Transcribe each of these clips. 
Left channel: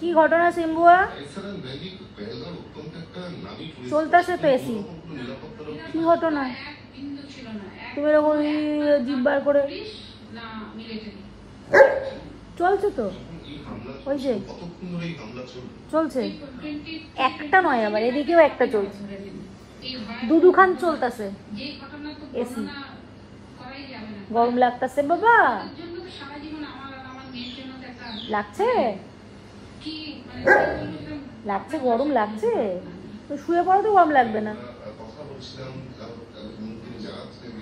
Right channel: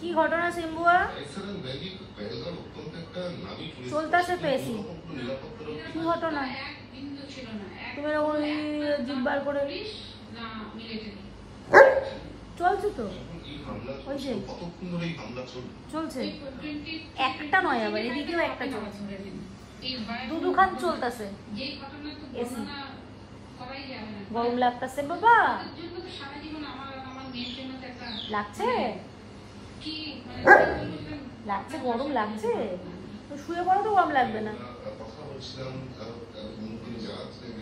কি ঘটনা সিম্বুয়া? চলতেছে তো এসি। কি ঘটনা? তুমি এরকম জিভ বার করে চলছে তো, ওই যে চলছে, একটা নয় আবার এদিকেও একটা চলছে, দুখান চলতেছে এসি। গরম লাগতেছে বাবা? লাগছে লাগছে, গরম লাগছে তো শুয়ে পড়ো, তো গরম লাগবে না।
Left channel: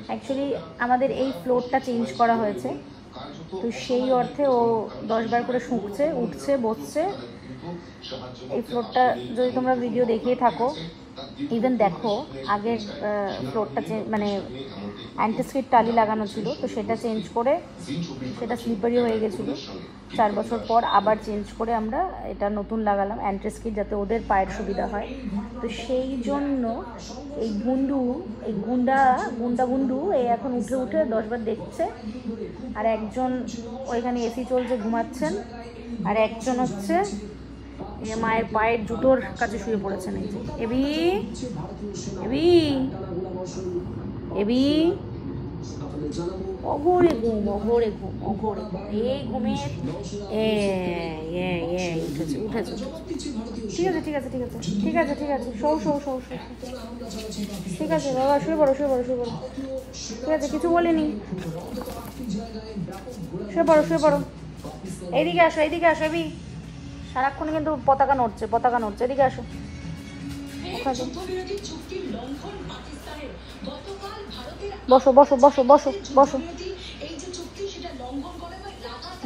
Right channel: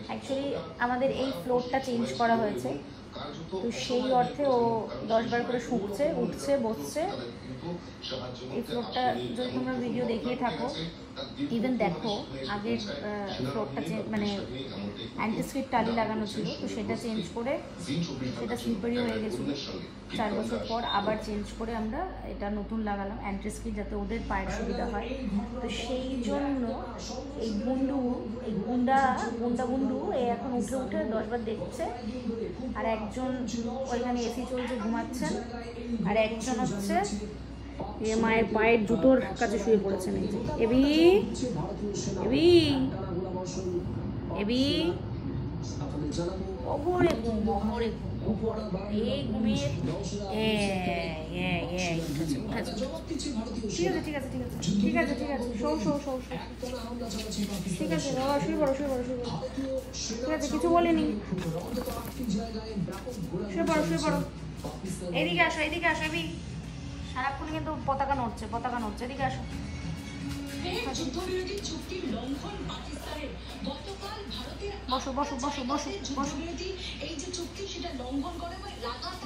অ্যাকচুয়ালি আমাদের এই ফ্লোরটা চেঞ্জ করা হয়েছে, তো সেই অর্থে ও 10 বার করে শুকছে, উঠছে, বসছে। এই ফ্লোরটা যদি তোমরা ভিডিও দেখিয়ে থাকো, ইভেন দেখো আগের ফ্লোরটা মানে অ্যান্টিস্কিড টালি লাগানো ছিল, তো সেটা চেঞ্জ করে সেটা স্লিপারি হয়ে গেছিলো। 4 বছর পর আবার চেঞ্জ করে আমরা এটা নতুন লাগালাম অ্যান্টিস্কিড, যাতে ওদের পায়ের সুবিধা হয়। তো সেই জন্য এই গুন্ডু এই এখন উঠে উঠে 10 বার দেখছে। আর একজন ওইখানে এসি চলছে, ঘুমাচ্ছেন। আর একজন হচ্ছে মায়ের পায়ের জুতোর কাছে শুয়ে পড়েছেন। এবি এবি এবি অঘরে ঘুম, অঘরে ঘুম, অঘরে এই ঘুমের উঠেছে। ঠিক আছে ঠিক আছে ঠিক আছে ঠিক আছে ঠিক আছে, শো ঠিক আছে বাবা, শুয়ে পড়ো। ঠিক আছে, কিছু বলিনি, শুয়ে পড়ো। এইদিকে আসো এবি, সারাক্ষণ কিন্তু পতাকা নড়ছে, এদিকে আসো।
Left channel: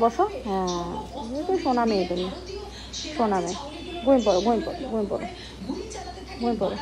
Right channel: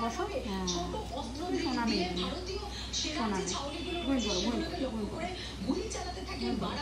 বসো। হ্যাঁ, শোনা মেয়ে, তুমি শোনা মেয়ে। ঘুমিয়ে পড়ো।